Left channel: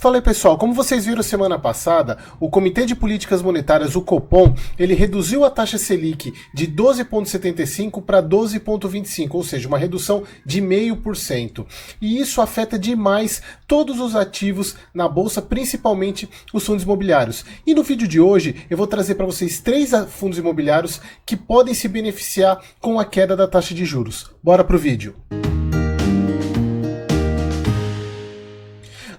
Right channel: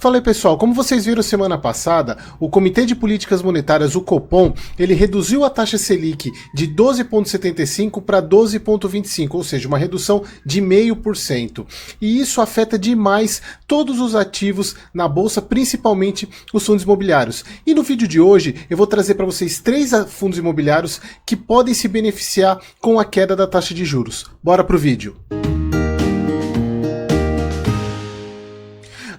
Fala aí, pessoal, como vocês viram semana passada, o Comitê de Políticas Monetárias, o Copom, ele reduziu a taxa Selic de 12,75 para 12,25, ou seja, uma redução de 0,5%. E isso afeta demais todos os ativos na bolsa, principalmente os fundos imobiliários. E no vídeo de hoje eu vou trazer para vocês 3 fundos imobiliários que podem se beneficiar com a queda da taxa de juros. Bora pro vídeo.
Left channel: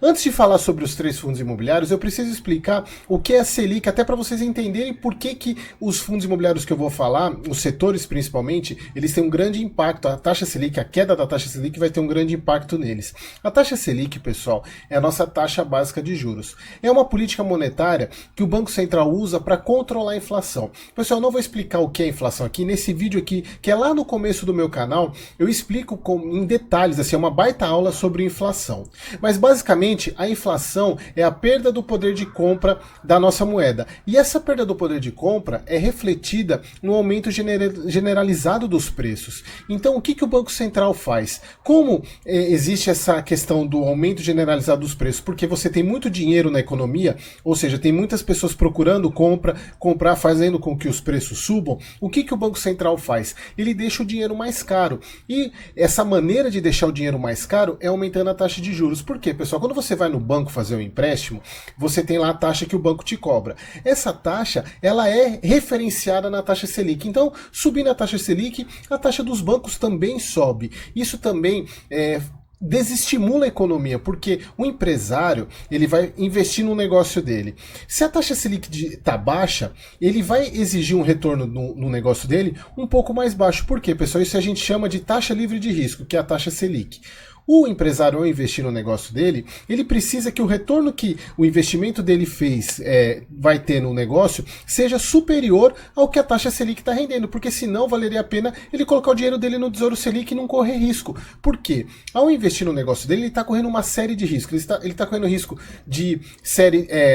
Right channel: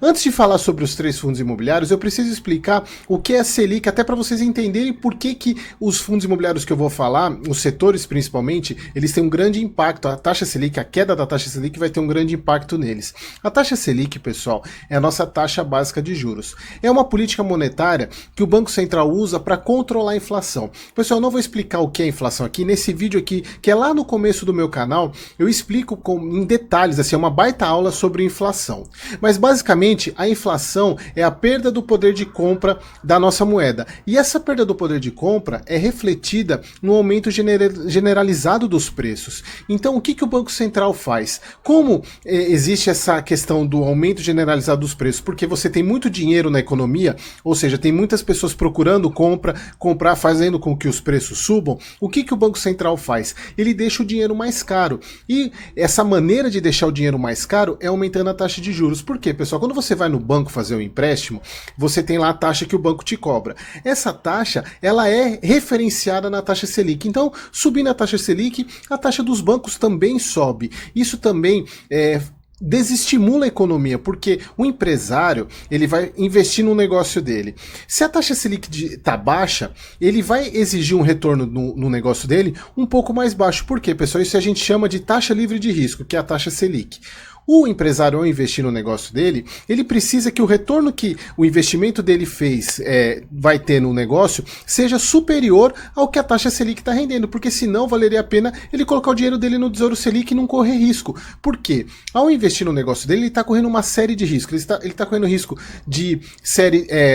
Antes de falar sobre os 3 fundos imobiliários, eu preciso explicar o que é a Selic, até para vocês entenderem por que os fundos imobiliários que eu vou falar, os setores principalmente, eles têm um grande impacto. A taxa Selic, a queda da taxa Selic vai ter um grande impacto neles. A taxa Selic, pessoal, é a nossa taxa básica de juros. É uma política monetária que o Banco Central usa para controlar a inflação. Pessoal, eu não vou explicar o que é inflação aqui. Nesse vídeo aqui, que é lá no começo do meu canal, eu explico em detalhes, assim, é uma baita aula sobre inflação. Mas basicamente, a inflação é a perda do poder de compra da nossa moeda. E essa perda do poder de compra é refletida no aumento generalizado dos preços. Então, o que o Banco Central faz? Como existe essa questão do aumento generalizado dos preços? Porque você tem muito dinheiro na economia, ou seja, tem muitas pessoas procurando comprar, fazendo com que os preços subam. O que o Banco Central faz? Ele deixa o dinheiro mais caro. E essa maneira de deixar o dinheiro mais caro é aumentando a taxa de juros. Por quê, pessoal? Quando você vai no banco fazer um empréstimo, você tem lá a taxa que o banco te cobra. Essa taxa, ela é referenciada na taxa Selic. Então, subindo a taxa Selic, a taxa dos bancos também sobe. Isso também desestimula a economia, porque o empresário ele vai investir no negócio dele. Se a taxa Selic está baixa, ele vai exigir um retorno no negócio dele um pouco mais baixo. Por quê, pessoal? Isso a gente chama de taxa livre de risco, que é a taxa Selic. O empresário, ao investir no negócio dele, ele precisa que o retorno que o investimento dele fez vai ter no negócio seja superior ao que a taxa Selic está rendendo, porque senão valeria a pena ele colocar o dinheiro dele no Tesouro Selic e não correr risco. Por quê? Ao investir no negócio dele, ele está correndo uma série de riscos. Ele está correndo risco de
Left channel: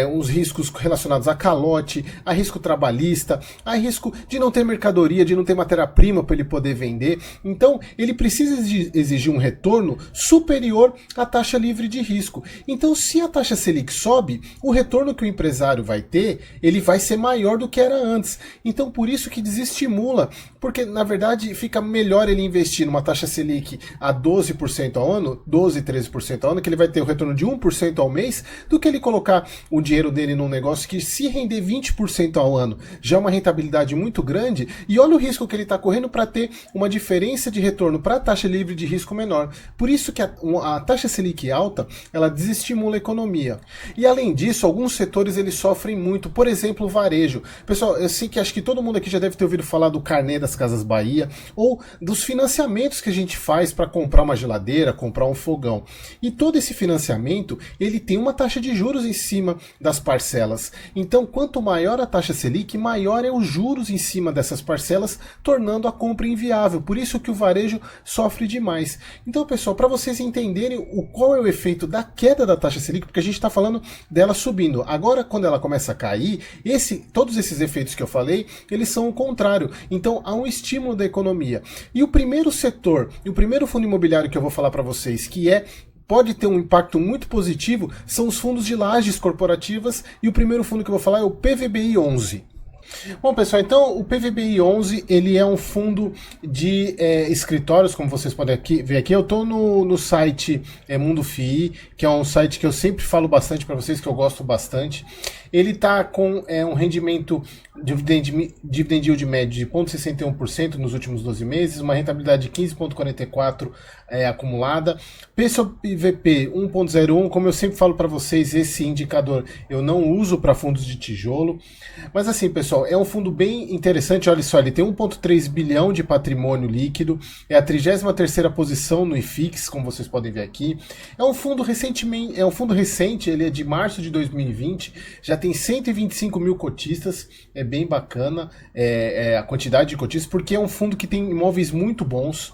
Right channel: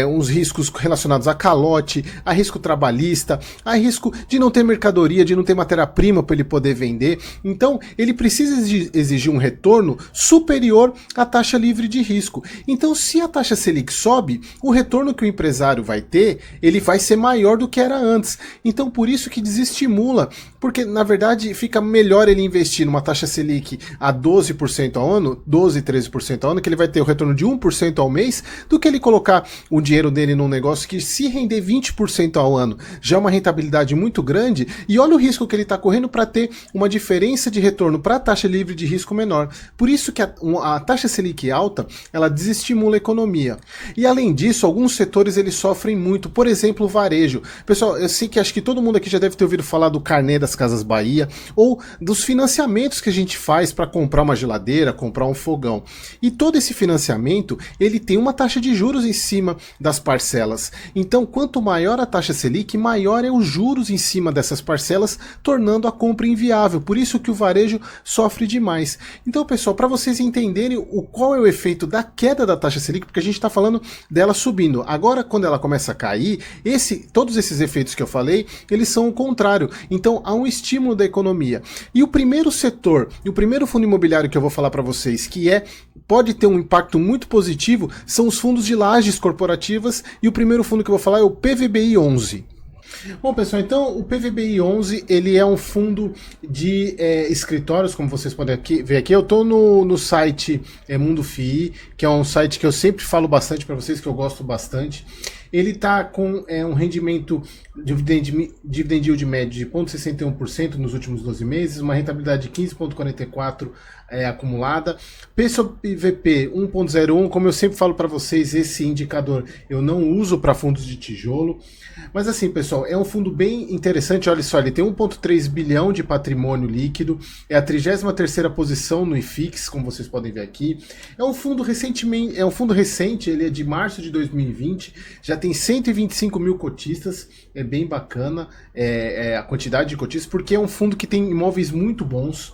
uns riscos relacionados a calote, a risco trabalhista, a risco de não ter mercadoria, de não ter matéria-prima para ele poder vender. Então, ele precisa exigir um retorno superior à taxa livre de risco. Então, se a taxa Selic sobe, o retorno que o empresário vai ter, ele vai ser maior do que era antes. Então, por isso que desestimula, porque na verdade fica melhor ele investir numa taxa Selic a 12% ao ano, 12, 13% ao ano, que ele vai ter o retorno de 1% ao mês, do que ele colocar o dinheiro dele num negócio que, se render 20% ao ano, já é uma rentabilidade muito grande, e olha o risco que ele está correndo para ter uma diferença de retorno para a taxa livre de risco menor. Por isso que a taxa Selic alta, ela desestimula a economia. E além disso, alguns setores eles sofrem muito, por exemplo, o varejo. Pessoal, eu sei que acho que todo mundo aqui já deve ter ouvido falar do Carnê das Casas Bahia, ou dos financiamentos que a gente faz para comprar uma geladeira, comprar um fogão. E todo esse financiamento, ele tem uma taxa de juros em cima das parcelas. Então, quanto maior a taxa Selic, maior é os juros em cima dessas parcelas, tornando a compra inviável. Por isso que o varejo sofre demais. Então, pessoal, para vocês entenderem qual é o efeito da queda da taxa Selic, porque a gente está falando dela subindo. Agora, quando ela começa a cair, todos esses efeitos que eu falei, eles são o contrário. Então, há um estímulo da economia. E o primeiro setor, e o primeiro fundo imobiliário que eu vou falar para vocês, pode ter um impacto muito positivo, são os fundos de lajes corporativas, e o primeiro fundo que eu vou falar é o PVBI 11. Bom, pessoal, então o PVBI 11 ele é um fundo de escritórios, como vocês podem ver aqui. Eu estou no site Mundo FII, que é um site que eu sempre falo bastante para vocês, que eu gosto bastante. Ele está com um rendimento dividend yield médio de 0,61% nos últimos 12 meses, uma rentabilidade de 15,44% acumulada, P sobre VP 1,01, como eu sempre falo para vocês, esse indicador eu não uso para fundos de tijolo, mas assim, pessoal, é um fundo bem interessante. Olha só, ele tem 1,3 bilhão de patrimônio líquido, é a 33ª posição no IFIX, como vocês podem ver aqui. É um fundo recente, ele é de março de 2020, já tem 125 mil cotistas, é bem bacana a quantidade de cotistas, porque é um fundo que tem imóveis muito bons.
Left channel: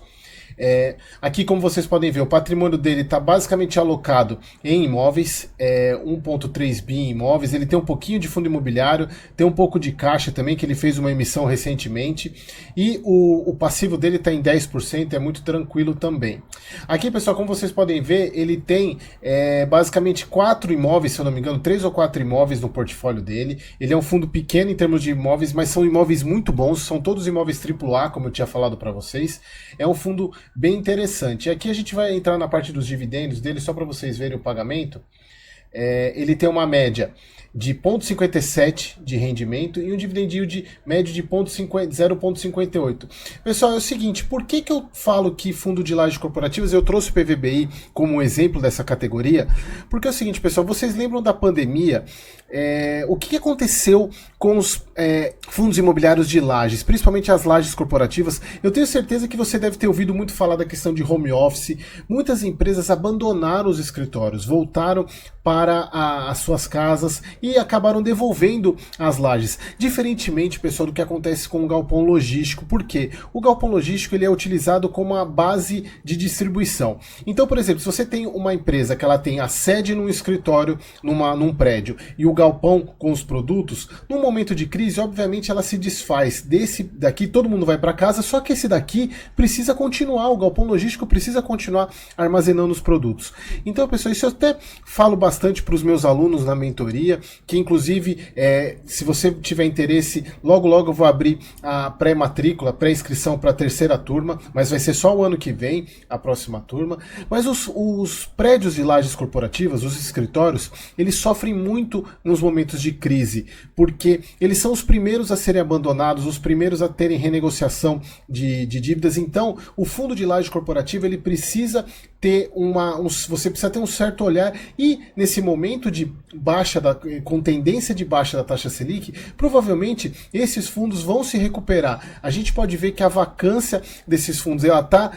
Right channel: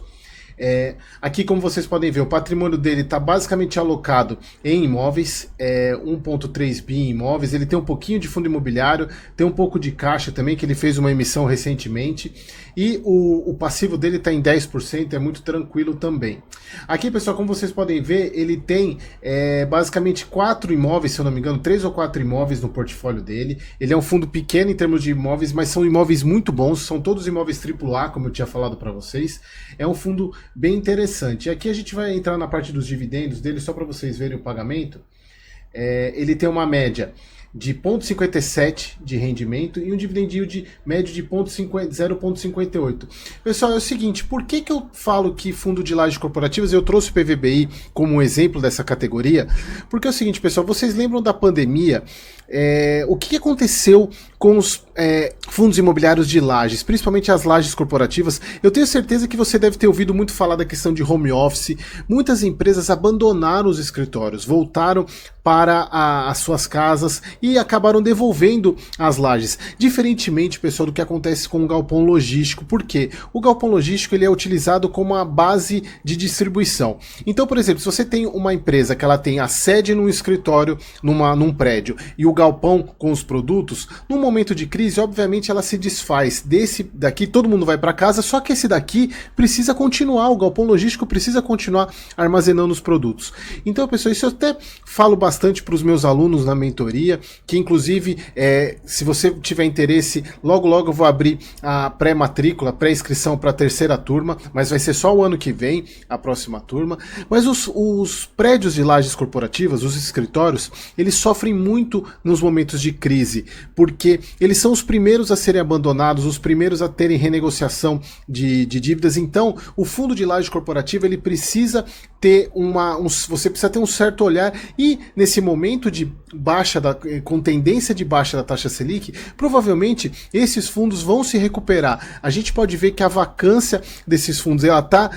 Aqui, como vocês podem ver, o patrimônio dele está basicamente alocado em imóveis, 1,3 bi em imóveis, ele tem um pouquinho de fundo imobiliário, tem um pouco de caixa também, que ele fez uma emissão recentemente, e o passivo dele está em 10%, é muito tranquilo também. Aqui, pessoal, como vocês podem ver, ele tem basicamente 4 imóveis, se eu não me engano, 3 ou 4 imóveis no portfólio dele. Ele é um fundo pequeno em termos de imóveis, mas são imóveis muito bons, são todos imóveis AAA, como eu tinha falado para vocês. É um fundo bem interessante. E aqui a gente vai entrar na parte dos dividendos dele, só para vocês verem o pagamento. Ele tem uma média de 0,57 de rendimento e um dividend yield médio de 0,58. Pessoal, é o seguinte, por que eu falo que fundo de lajes corporativas, eu trouxe o PVBI como um exemplo dessa categoria? Porque é o seguinte, pessoal, vocês lembram da pandemia? O que aconteceu com os fundos imobiliários de lajes, principalmente as lajes corporativas? Eu tenho certeza que você deve ter ouvido muito falar da questão de home office. Muitas empresas abandonaram os escritórios, voltaram para as suas casas e acabaram devolvendo as lajes. Diferentemente, pessoal, do que acontece com o galpão logístico. Por quê? O galpão logístico ele é utilizado como uma base de distribuição. Então, por exemplo, se você tem uma empresa que ela tem a sede num escritório, num prédio, e o galpão com os produtos, no momento de crise, obviamente, ela se desfaz. Desse daqui, todo mundo vai para casa, só que esse daqui precisa continuar, o galpão logístico precisa continuar armazenando os produtos. Então, pessoal, isso eu até falo bastante para os meus alunos na mentoria, que inclusive, se você tiver interesse, logo eu vou abrir a pré-matrícula, pré-inscrição para a terceira turma, mas vai ser só o ano que vem, a próxima turma. Mas os prédios de lajes corporativas, os escritórios, eles sofrem muito nos momentos de crise, porque eles são os primeiros a serem abandonados, os primeiros a terem renegociação de dívidas. Então, o fundo de laje corporativa, ele precisa ter você precisa ter um certo olhar, e nesse momento de com tendência de baixa da taxa Selic, provavelmente esses fundos vão se recuperar. A gente pode ver que a vacância desses fundos, ela está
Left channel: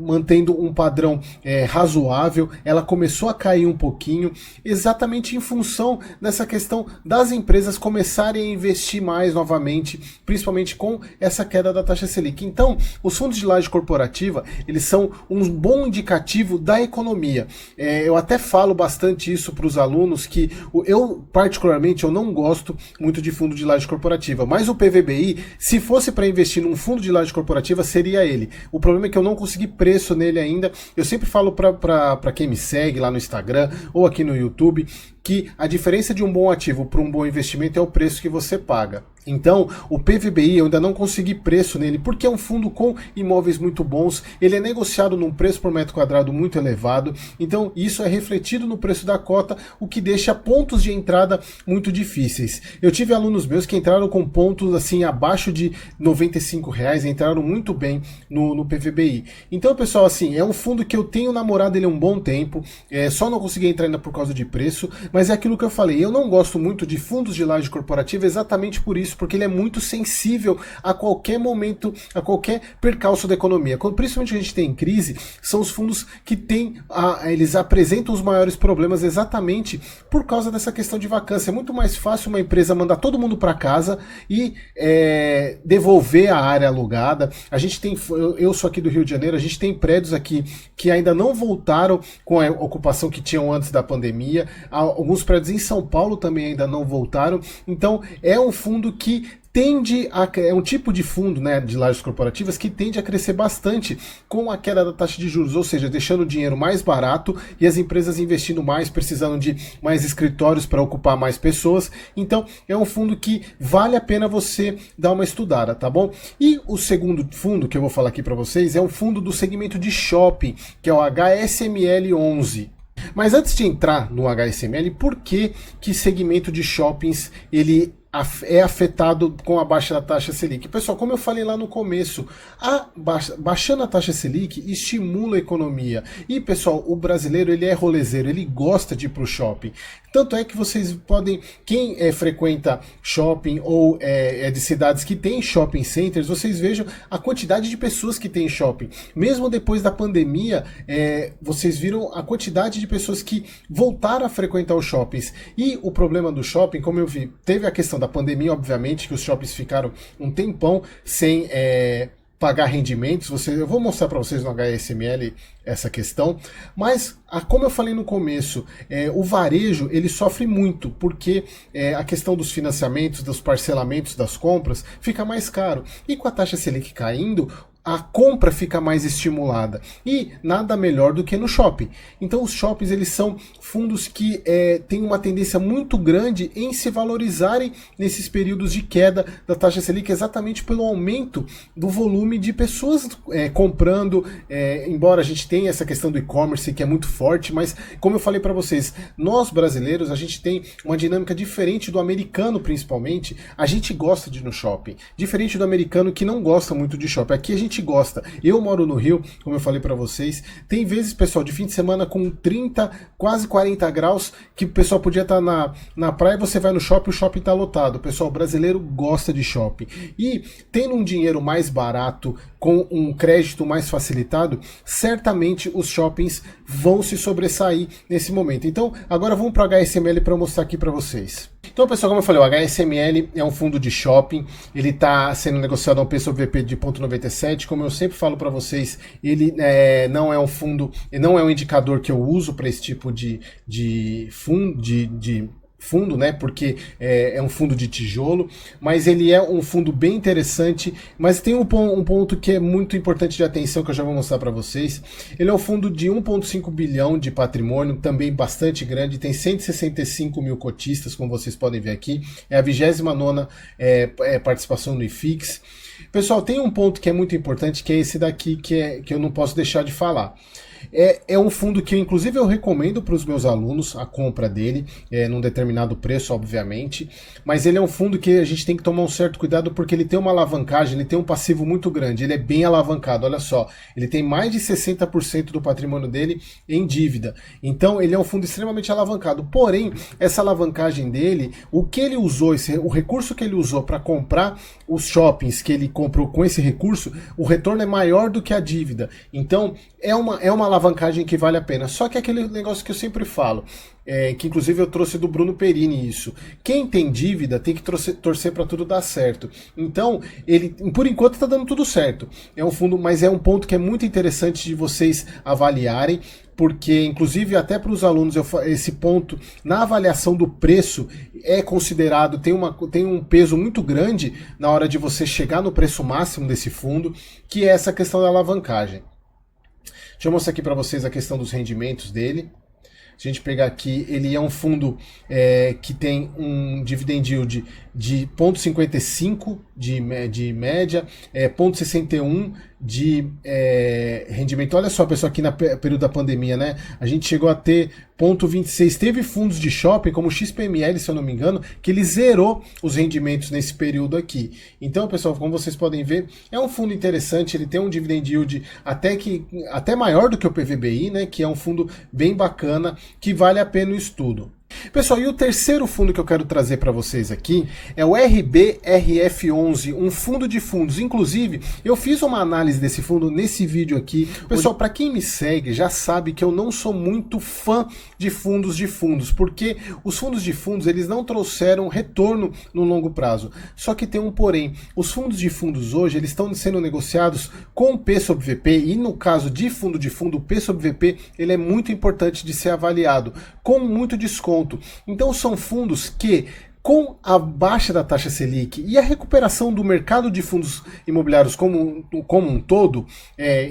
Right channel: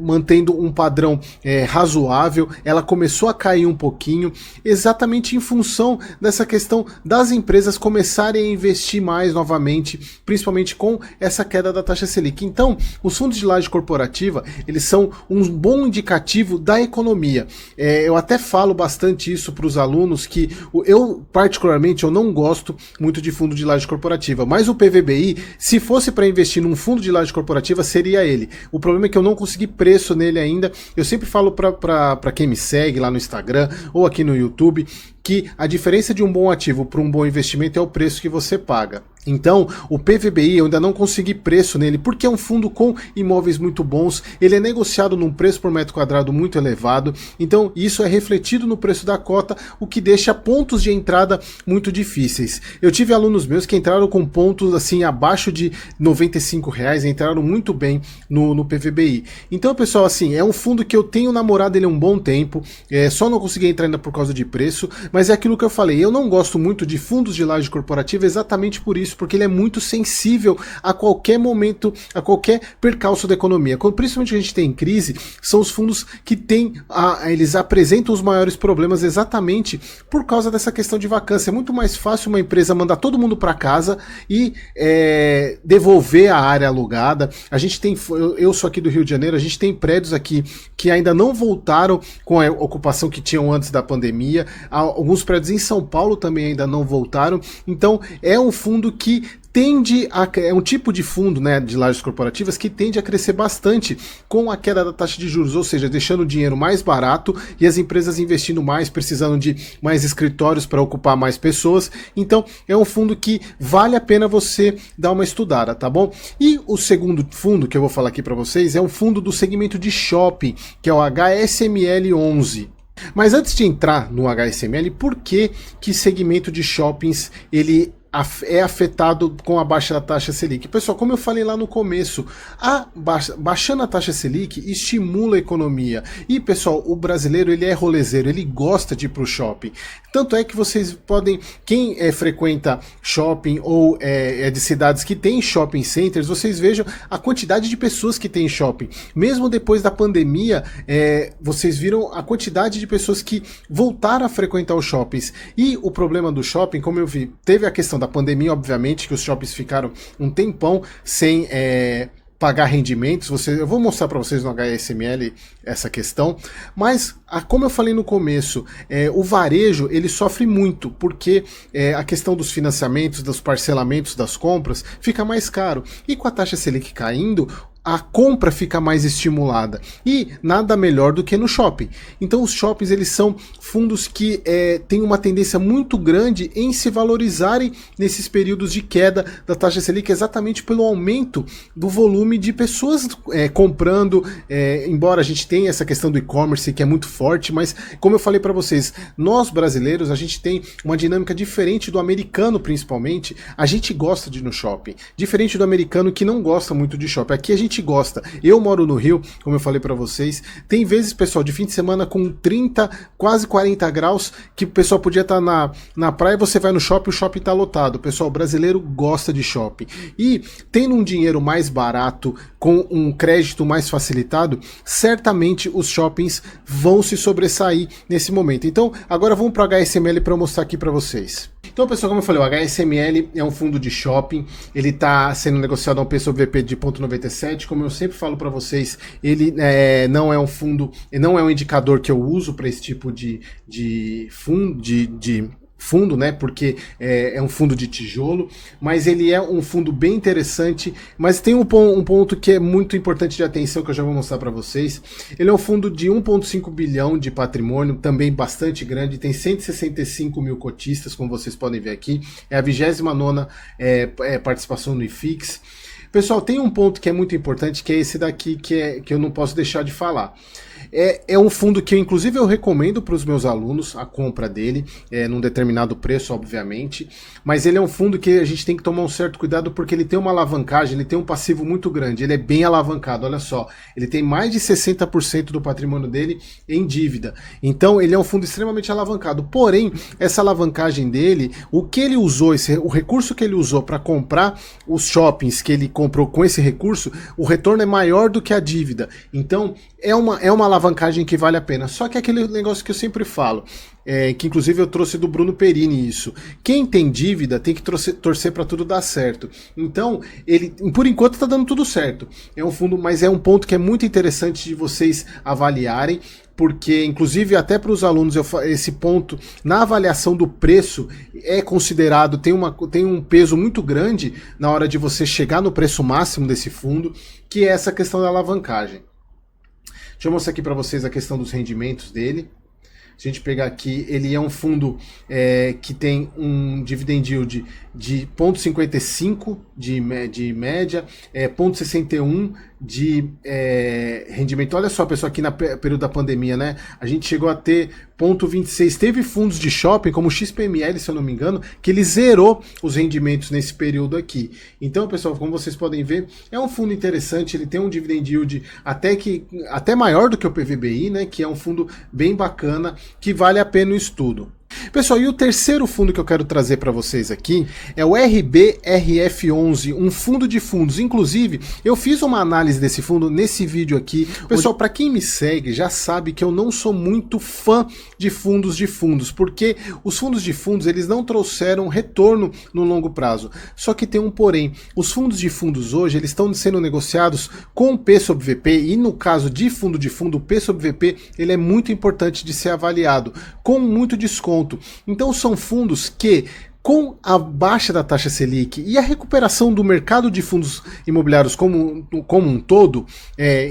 mantendo um padrão razoável, ela começou a cair um pouquinho, exatamente em função dessa questão das empresas começarem a investir mais novamente, principalmente com essa queda da taxa Selic. Então, os fundos de laje corporativa, eles são um bom indicativo da economia. Eu até falo bastante isso para os alunos, que eu, particularmente, eu não gosto muito de fundo de laje corporativa, mas o PVBI, se fosse para investir num fundo de laje corporativa, seria ele. O problema é que eu não consegui preço nele ainda. Eu sempre falo para quem me segue lá no Instagram ou aqui no YouTube, que a diferença de um bom ativo para um bom investimento é o preço que você paga. Então, o PVBI eu ainda não consegui preço nele, porque é um fundo com imóveis muito bons, ele é negociado num preço por metro quadrado muito elevado, então isso é refletido no preço da cota, o que deixa pontos de entrada muito difíceis. Eu tive alunos meus que entraram com pontos assim abaixo de R$95, entraram muito bem no PVBI. Então, pessoal, assim, é um fundo que eu tenho namorado ele há um bom tempo, só não consegui entrar ainda por causa de preço, mas é aquilo que eu falei, eu não gosto muito de fundos de laje corporativa exatamente por isso, porque ele é muito sensível a qualquer momento, a qualquer percalço da economia. Quando principalmente a gente tem crise, são os fundos que eles apresentam os maiores problemas exatamente por causa dessa questão de vacância. É muito mais fácil uma empresa mandar todo mundo para casa e devolver a área alugada. A gente tem, eu sou aqui do Rio de Janeiro, a gente tem prédios aqui que ainda não voltaram com a ocupação que tinham antes da pandemia. Alguns prédios em São Paulo também ainda não voltaram. Então, é um fundo que é um tipo de fundo, né, de lajes corporativas que tende a crescer bastante com a queda da taxa de juros, ou seja, deixando o dinheiro mais barato e as empresas investindo mais, precisando de mais escritórios para ocupar mais pessoas. Então, é um fundo que vale a pena você dar uma estudada, tá bom? E o segundo fundo que eu vou falar aqui para vocês é um fundo do segmento de shopping, que é o HSML 11. Mas antes de entrar no HSML, por que segmento de shoppings ele é afetado com a baixa da taxa Selic? Pessoal, como eu falei lá no começo, baixando a taxa Selic estimula a economia. E, pessoal, o brasileiro ele é rolezeiro, ele gosta de ir para o shopping. Tanto é que vocês podem, quem frequenta shopping ou é de cidades que tem shopping centers, vocês vejam a quantidade de pessoas que tem shopping. Mesmo depois da pandemia, vocês viram a quantidade de pessoas que voltaram a frequentar os shoppings. E o problema do shopping, como eu vi, teve a questão da pandemia, obviamente, que os shoppings ficaram um tempão sem pagar rendimentos, eu vou mostrar para vocês no HSML essa questão, mas como eu falei no começo, o varejo ele sofre muito, porque a questão dos financiamentos, dos parcelamentos das compras fica mais caro, e com a taxa Selic caindo, a compra fica mais estimulada, e nada melhor do que no shopping. Então os shoppings eles são fundos que têm uma tendência muito grande em se valorizarem nesses períodos de queda da taxa Selic, exatamente pelo aumento do volume de pessoas comprando, embora a gente tenha essa questão do e-commerce que é muito forte, mas como eu falei para vocês, nós brasileiros a gente tem uma dinâmica diferente do americano, principalmente. A gente gosta de ir no shopping, diferente do americano que não gosta muito de shopping. Aqui a gente gosta. Eu moro no Rio, como eu falei para vocês, tem vezes, pessoal, de fim de semana com 30, quase 40 graus, que o pessoal podia estar na praia, você vai no shopping, o shopping tá lotado. O pessoal brasileiro gosta de shopping. E tendo um dinheiro mais barato, com um crédito mais facilitado, certamente os shoppings vão se sobressair nesse momento. Então, agora vamos para o HSML para eu mostrar aqui para vocês. Então, pessoal, como eu falei, o HSML é um fundo de shopping, ele está sendo negociado a um P sobre VP de 0,97, como eu sempre falo para vocês, ele não é um fundo, não é um indicador que eu uso para esse tipo de fundo, né, porque é um fundo de tijolo, mas ele é um fundo bem interessante, mas tem um ponto que é muito importante de atenção que eu já vou mostrar para vocês. Ele é um fundo de 1,5 bilhão de patrimônio, também bastante grande, tem 165 mil cotistas, como vocês podem ver aqui, é a 29ª participação no IFIX. Pessoal, tem um ponto que é muito importante, que é esse daqui, que eu não posso deixar de falar. É um fundo que, inclusive, eu recomendo para os meus alunos a compra dele, num determinado preço, obviamente, mas ele é um fundo que a gente tem que tomar um certo cuidado porque ele tem uma alavancagem, ele tem um passivo muito grande, ele é bem alavancado, olha só, ele tem mais de 60% do patrimônio dele em dívida, então ele é um fundo extremamente alavancado, porém, essa alavancagem dele, o que ele usou, o recurso que ele usou para comprar os shoppings que ele comprou com esse recurso, o retorno é maior do que a dívida, então é uma alavancagem que vale a pena. Só que é aquele negócio que eu sempre falo, que inclusive eu trouxe do Bruno Perini isso. Quem tem dívida tem que torcer para tudo dar certo. Então, ele, por enquanto, está dando tudo certo. É um fundo, mas é um ponto que é muito interessante de vocês avaliarem, porque, inclusive, até para os alunos, esse ponto, na avaliação do preço, é considerado, tem um peso muito grande na hora de você chegar no preço máximo desse fundo, que é essa questão da alavancagem. Deixa eu mostrar aqui para vocês a questão dos rendimentos dele. Se a gente pegar aqui, ele é um fundo que tem um dividend yield de 0,55 de média, 0,61 de rendimento. Olha só, pessoal, aqui no período da pandemia, né? A gente chegou a ter 0,26. Teve fundos de shopping, como o XPML, se eu não me engano, que ele zerou os rendimentos nesse período aqui. Então, pessoal, como vocês podem ver, é um fundo interessante, ele tem um dividend yield até maior do que o PVBI, né? Que é um fundo bem bacana, que vale a pena o estudo. Pessoal, e o terceiro fundo que eu quero trazer para vocês aqui é o RBRF11, um fundo de fundos. Inclusive, eu fiz uma análise desse fundo nesse vídeo aqui. Pessoal, para quem me segue já sabe que eu não sou muito fã de fundos, porque os fundos de fundos eles não trouxeram retorno no longo prazo. Só que tem um porém, os fundos de fundos hoje eles estão sendo negociados com P sobre VP e no caso de fundo, o P sobre VP ele é muito importante de ser avaliado, com muito desconto. Então são fundos que, com a baixa da taxa Selic e a recuperação do mercado de fundos imobiliários como um todo,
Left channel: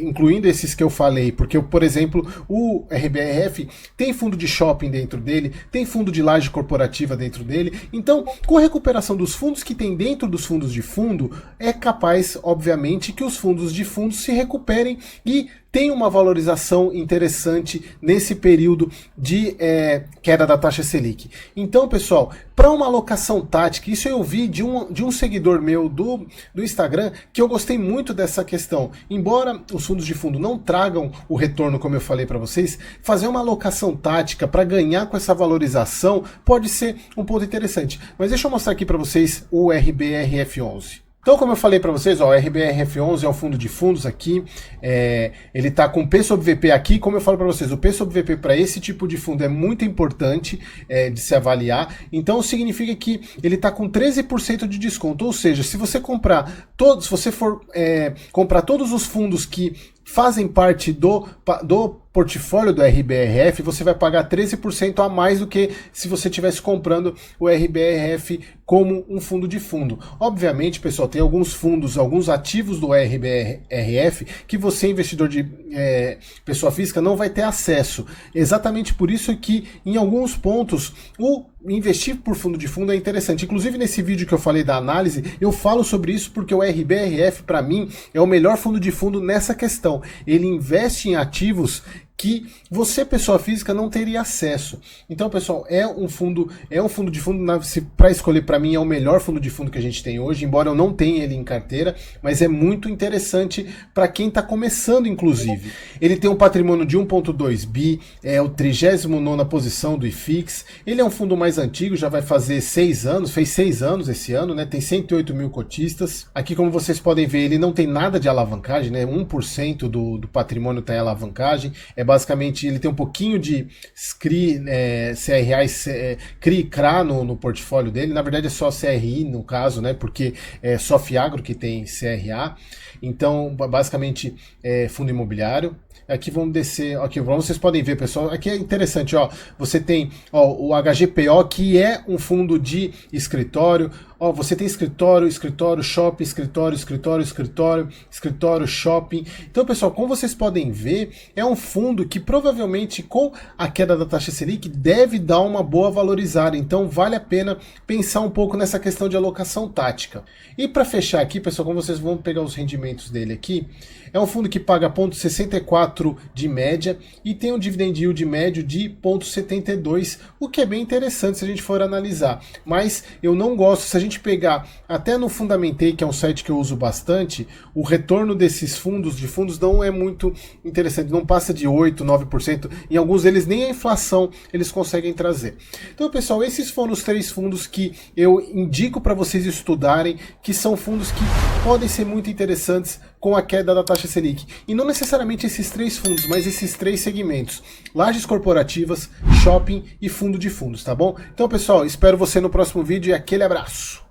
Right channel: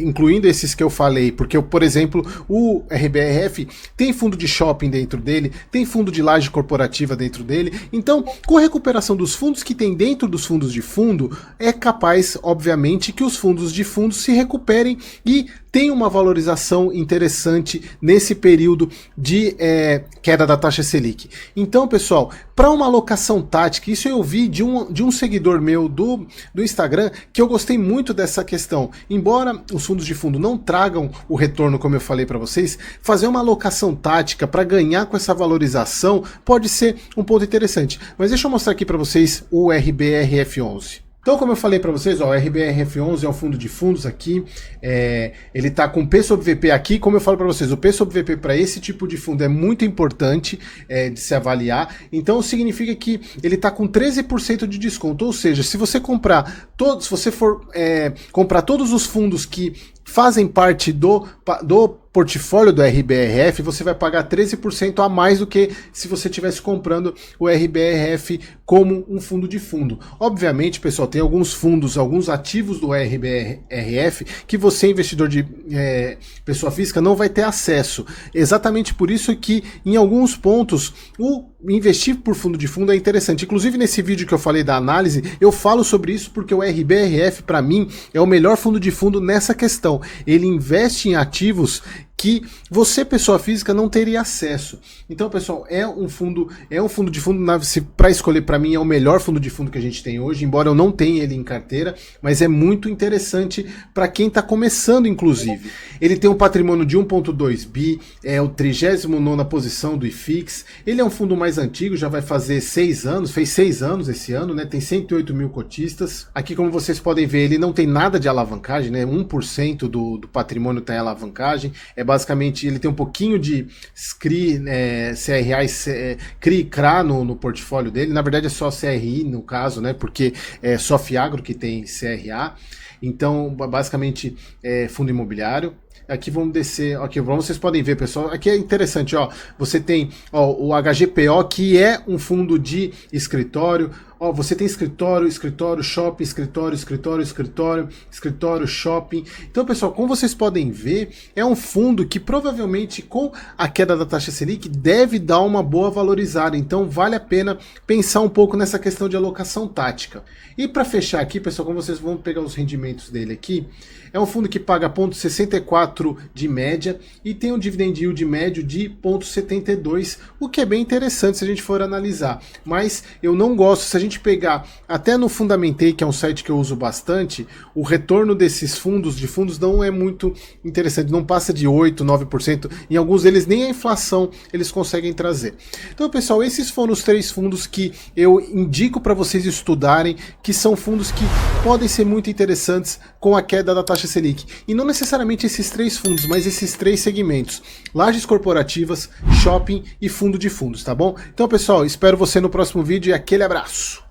incluindo esses que eu falei, porque, por exemplo, o RBRF tem fundo de shopping dentro dele, tem fundo de laje corporativa dentro dele, então, com a recuperação dos fundos que tem dentro dos fundos de fundo, é capaz, obviamente, que os fundos de fundo se recuperem e tem uma valorização interessante nesse período de queda da taxa Selic. Então, pessoal, para uma alocação tática, isso eu vi de um seguidor meu do Instagram, que eu gostei muito dessa questão. Embora os fundos de fundo não tragam o retorno, como eu falei para vocês, fazer uma alocação tática para ganhar com essa valorização pode ser um ponto interessante. Mas deixa eu mostrar aqui para vocês o RBRF11. Então, como eu falei para vocês, ó, o RBRF11 é um fundo de fundos aqui, ele está com P sobre VP aqui, como eu falo para vocês, o P sobre VP para esse tipo de fundo é muito importante de se avaliar, então significa que ele está com 13% de desconto, ou seja, se você comprar todos, se você for comprar todos os fundos que fazem parte do portfólio do RBRF, você vai pagar 13% a mais do que se você estivesse comprando o RBRF como um fundo de fundo. Obviamente, pessoal, tem alguns fundos, alguns ativos do RBRF que você, investidor de pessoa física, não vai ter acesso. Exatamente por isso que, em alguns pontos, o investir por fundo de fundo é interessante. Inclusive, nesse vídeo que eu falei da análise, eu falo sobre isso porque o RBRF, para mim, é o melhor fundo de fundo nessa questão. Ele investe em ativos que você, pessoa física, não teria acesso. Então, pessoal, é um fundo de fundo, para escolher, para mim, é o melhor fundo de fundo que a gente tem hoje, embora eu não tenha ele em carteira, mas é muito interessante para quem está começando, inclusive. Ele tem um patrimônio de 1,2 bi, é o 39ª posição do IFIX, ele é um fundo mais antigo, já vai fazer 6 anos, fez 6 anos esse ano, né? Tem 108 mil cotistas. Aqui, como vocês podem ver, ele não tem nada de alavancagem, né? 1% do patrimônio está em alavancagem, basicamente, ele tem um pouquinho de CRI, CRA e CRI e CRA no portfólio dele. Na verdade, é só CRI no caso, né? Porque é só Fiagro que tem CRA. Então, basicamente, é fundo imobiliário. Aqui vamos descer, aqui vocês podem ver, pessoal, aqui é interessante, ó, você tem o HGPO, que é um fundo de escritório, ó, você tem escritório, shopping, escritório, shopping. Então, pessoal, como vocês podem ver, é um fundo que provavelmente com a queda da taxa Selic deve dar uma boa valorizada, então vale a pena pensar um pouco nessa questão de alocação tática. E para fechar aqui, pessoal, como vocês vão pegar os rendimentos dele aqui, é um fundo que paga 0,64 de média e tem um dividend yield médio de 0,72, o que é bem interessante se a gente for analisar. Mas eu não gosto, se a gente pegar até no Fundamentei, que é um site que eu uso bastante, o retorno desses fundos não é muito interessante, não passa de 8%, 9%, em alguns deles nem a inflação eles conseguem trazer. Então, pessoal, esses foram os 3 fundos que eu indico para vocês estudarem, que são fundos que podem ser muito interessantes com a queda da taxa Selic. E não necessariamente esses 3 fundos, mas esses 3 segmentos: lajes corporativas, shopping e fundo de fundos, tá bom? Então, pessoal, espero você no próximo vídeo e aquele abraço!